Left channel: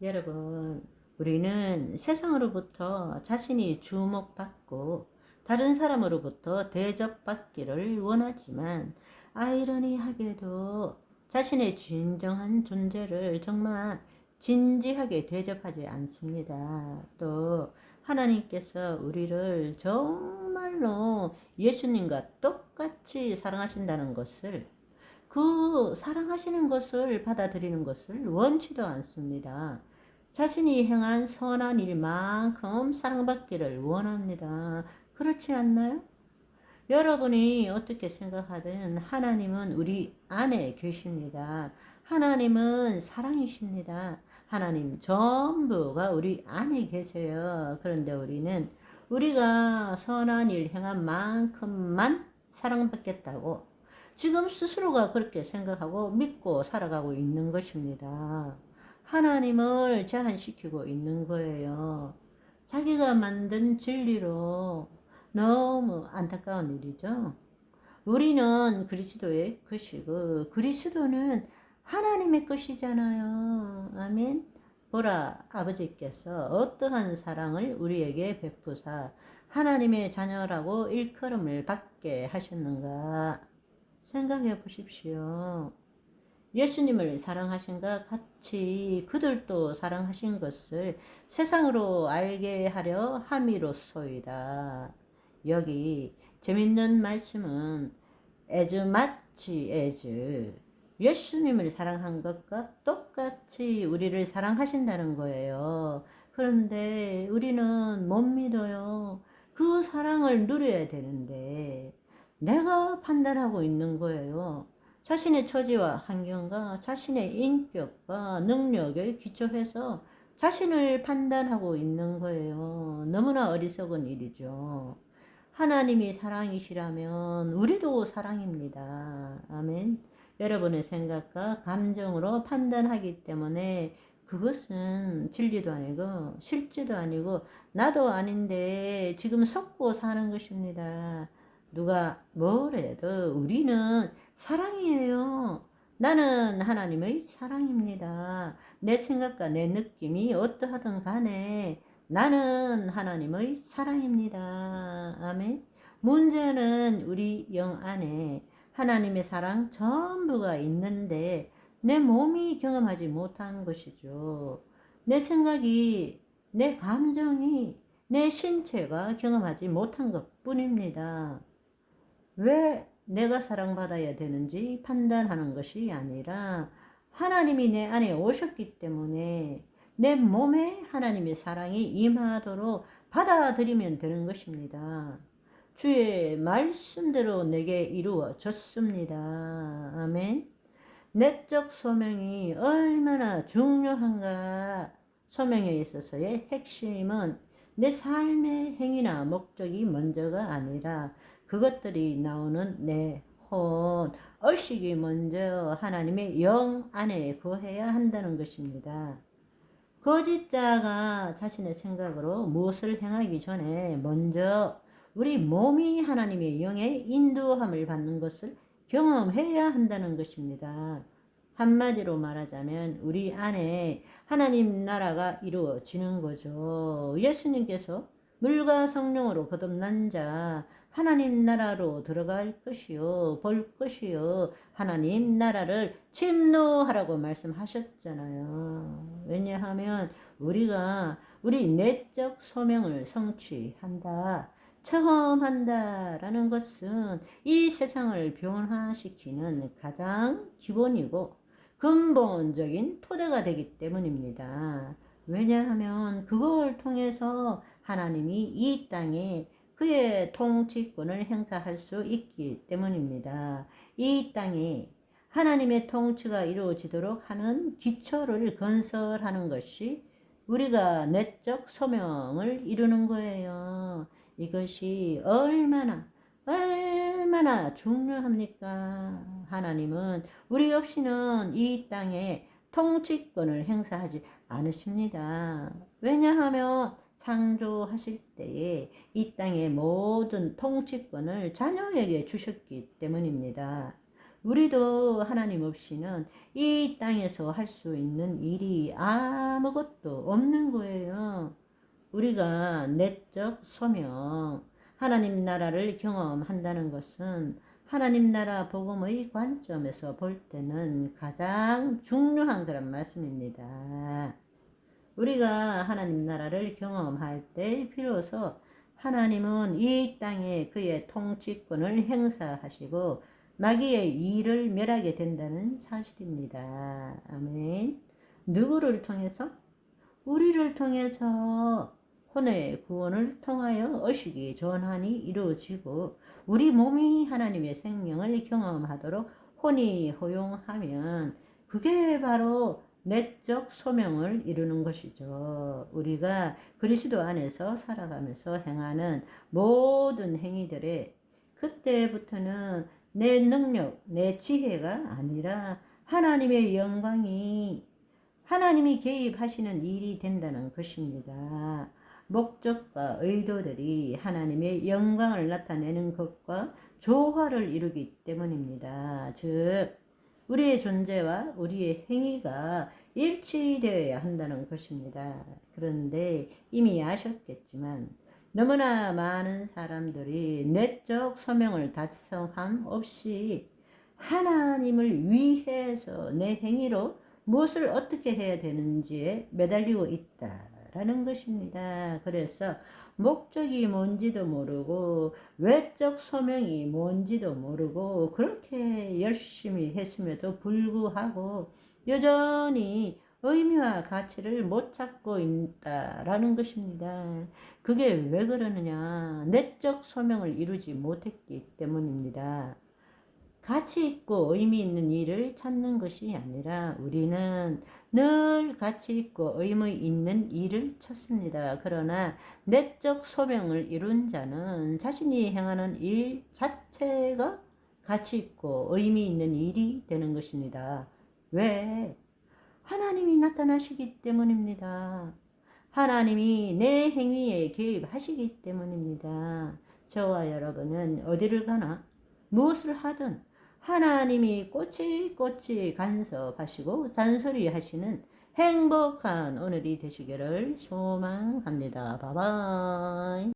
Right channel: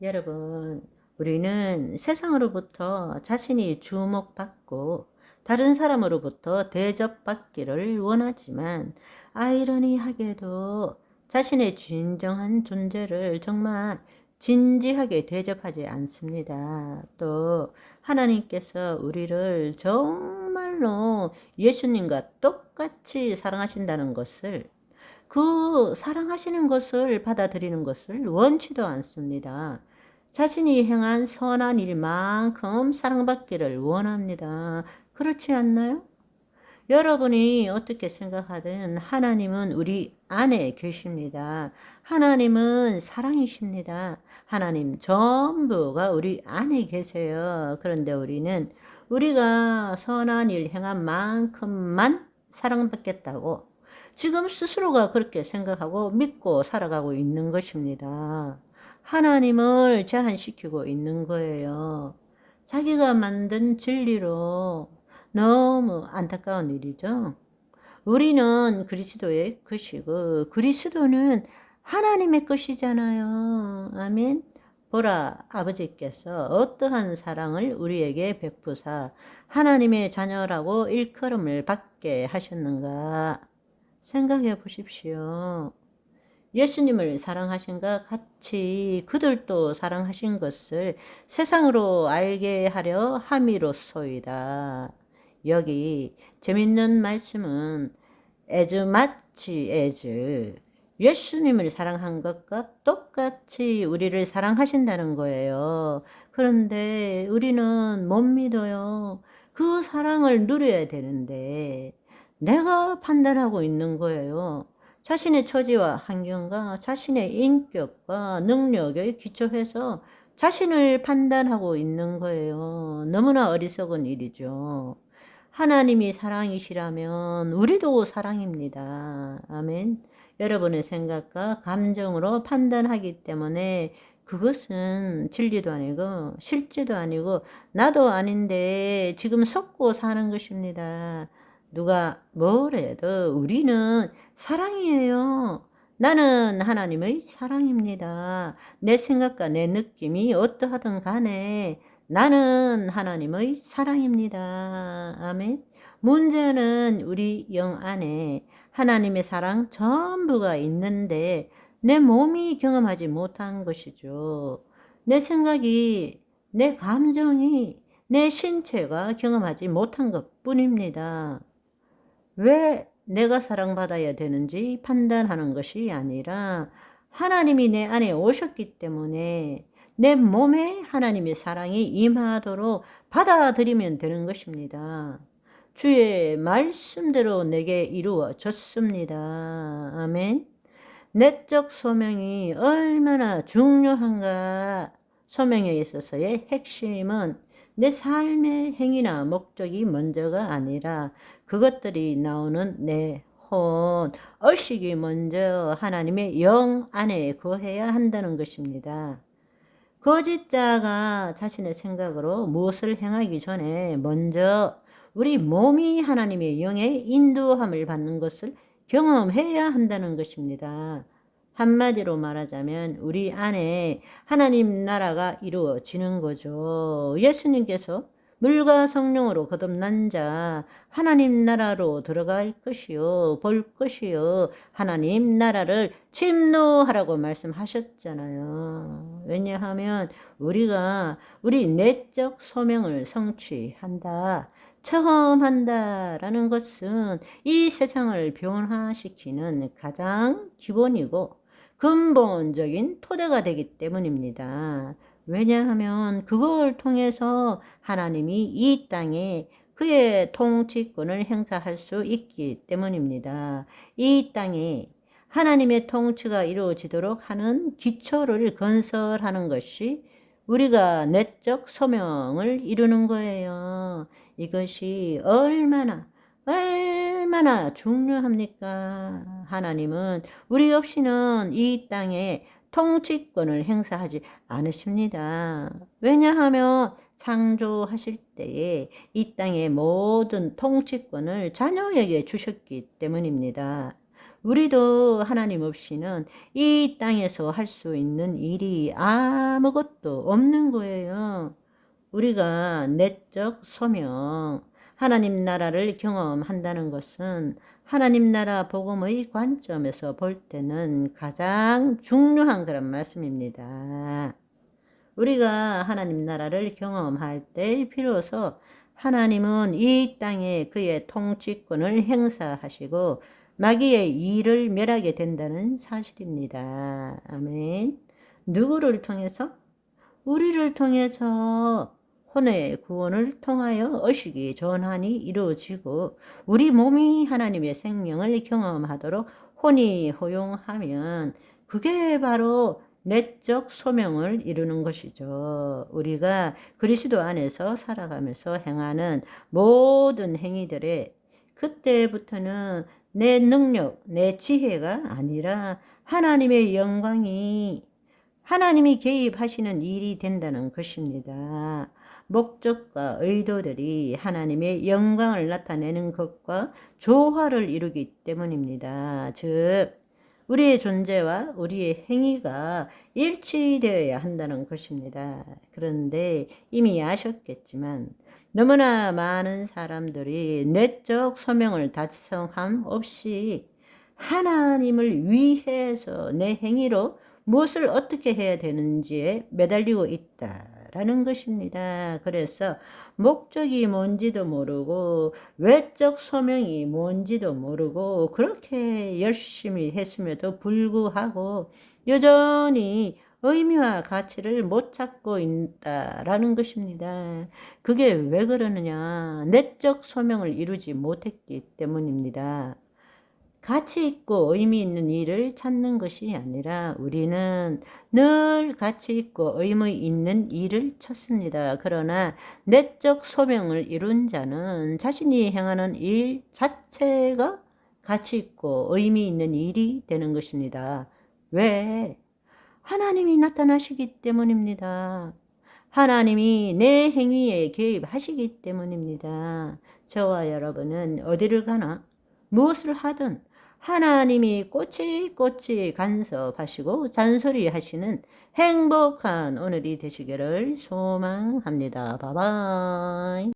여러분, 우리는 세상으로부터 자신이 주목받고 다른 사람으로부터 대접받기를 원하지만 아이러니하게도 자신의 진정한 존재를 정말 진지하게 대접하지 않습니다. 또 하나님께서 우리를 정말로 예수님과 똑같이 사랑하신다는 것을, 그 사랑하시는 것을 받아들이는 것을 원치도 않습니다. 자신이 행한 선한 일만큼 사랑받기를 원합니다. 그렇지 않나요? 여러분이 어떻게 생각하든 하나님은 우리 안에 계십니다. 하나님은 사랑이십니다. 하나님 전부가 우리 안에 계세요. 그런데 우리는 우리가 선한 일 행한 만큼만 사랑받겠다고 지금 스스로가 그렇게 생각하고 믿고 살아가고 있는 것입니다. 하나님을 제한시키고 있는 거예요. 자기가 만든 진리로. 너무 안타까운 일이죠. 우리는 그리스도의 것이고 그리스도는 하나님의 것이잖아요. 아멘. 보라, 아버지께서 어떠한 사랑을 우리에게 베푸사 하나님의 자녀라고 일컬음을 받게 하셨는가 생각해 보십시오. 예수님을 사랑하신가 같이 그들도 사랑하신 것을 세상으로 알게 하려 함이로소이다. 여기 재밌는 말씀은 as much as 예수님을 사랑한 것과 똑같이 우리를 사랑하신다는 거예요. 그런데 우리는 못 믿어요. 그 사랑을 누려야 되는데 내가 판단하고 있는 거예요. 자신의 처지와 환경과 자신의 인격과 능력에 기초해서 자신을 판단하고 있는 거예요. 너무나 어리석은 일이죠. 하나님이 사랑이시라면 우리도 사랑입니다. 아멘. 여러분의 생각과 감정으로 판단하기 때문에 그것은 진리도 아니고 실제도 아니고 나도 아닌데 지금 속고 사는 것입니다. 누가 뭐래도 우리는 사랑이에요. 나는 하나님의 사랑입니다. 내 생각과 내 느낌이 어떠하든 간에 나는 하나님의 사랑입니다. 아멘. 문제는 우리 영 안에 하나님의 사랑 전부가 있는데 내 몸이 경험하지 못한 것이죠. 내 생각이, 내 감정이, 내 신체가 경험하지 못한 것 뿐입니다. 왜 내가 사랑받아야 되는지 판단하는 것이 아니라 하나님이 내 안에 오셨기 때문에 내 몸에 하나님의 사랑이 임하도록 받아들이면 되는 것입니다. 주의 말씀대로 내게 이루어졌습니다. 아멘. 내적 소명이 얼마나 중요한가. 소명에 있어서의 핵심은 내 삶의 행위나 목적이 먼저가 아니라 그것들이 나오는 내 혼, 의식이 먼저 하나님의 영 안에 거해야 한다는 것입니다. 거짓자가 자신의 생각으로 무엇을 행하기 전에 먼저 우리 몸이 하나님의 영의 인도함을 받는 것을 경험해야 한다는 것입니다. 한마디로 말하자면 우리 안에 하나님 나라가 이루어지는 거죠. 예수님께서 물과 성령으로 거듭난 자 하나님 나라로 들어갈 것이요 볼 것이요 하나님 나라를 침노하라고 말씀하셨잖아요. 왜냐하면 우리가 우리 내적 소명을 성취한다, 체험한다라는 것은 이 세상을 변화시키는 가장 기본이고 근본적인 토대가 되기 때문입니다. 왜냐하면 그걸 통해서 하나님이 이 땅에 그의 통치권을 행사할 수 있기 때문입니다. 이 땅에 하나님의 통치가 이루어지도록 하는 기초를 건설하는 것이 우리가 내적 소명을 이루는 거예요. 이것이 얼마나 중요합니까? 하나님은 우리 없이는 이 땅에 통치권을 행사하지 않으십니다. 왜냐하면 창조하실 때에 이 땅의 모든 통치권을 자녀에게 주셨기 때문입니다. 우리도 하나님 없이는 이 땅에서 할 수 있는 일이 아무것도 없는 거예요. 우리가 내적 소명, 하나님 나라를 경험한다는 것은 하나님 나라 복음의 관점에서 볼 때는 가장 중요한 그런 말씀입니다. 우리가 하나님 나라를 경험할 때 비로소 하나님은 이 땅에 그의 통치권을 행사하시고 마귀의 일을 멸하게 된다는 사실입니다. 아멘. 누구를 통해서? 우리를 통해서 혼의 구원을 통하여 의식이 전환이 이루어지고 우리 몸이 하나님의 생명을 경험하도록 혼이 허용하면 그게 바로 내적 소명을 이루는 것이죠. 우리가 그리스도 안에서 살아가면서 행하는 모든 행위들에 그때부터는 내 능력, 내 지혜가 아니라 하나님의 영광이 하나님이 개입하시는 일이 된다는 것입니다. 목적과 의도들이 하나님의 영광을 나타내는 것과 조화를 이루기 때문입니다. 즉 우리의 존재와 우리의 행위가 일치되어야 한다는 것입니다. 그런데 이미 아셨겠지만 너무나 많은 사람들이 내적 소명을 달성함 없이 하나님을 위해서 내 행위로 무엇을 어떻게 해야 되는지에 매달리고 있다라는 것입니다. 그래서 목적이 뭔지도 모르고 외적 소명이 뭔지도 모르고 그렇게 열심히 했음에도 불구하고 여전히 의미와 가치를 못 찾고 있다라는 것입니다. 그게 왜 그러느냐? 내적 소명을 이루지 못했기 때문입니다. 가치 있고 의미 있는 일을 찾는 것이 아니라 우리는 늘 가치 있고 의미 있는 일을 찾습니다. 그러나 내적 소명을 이룬 자는 자신이 행하는 일 자체가 가치 있고 의미 있는 일이 되는 것입니다. 왜? 하나님이 나타나시기 때문입니다. 하나님이 내 행위에 개입하시기 때문입니다. 저와 여러분은 어디를 가나 무엇을 하든 하나님이 꼬치꼬치 간섭하시고 잔소리하시는 행복한 오늘이 되시기를 소망합니다. 바이바이.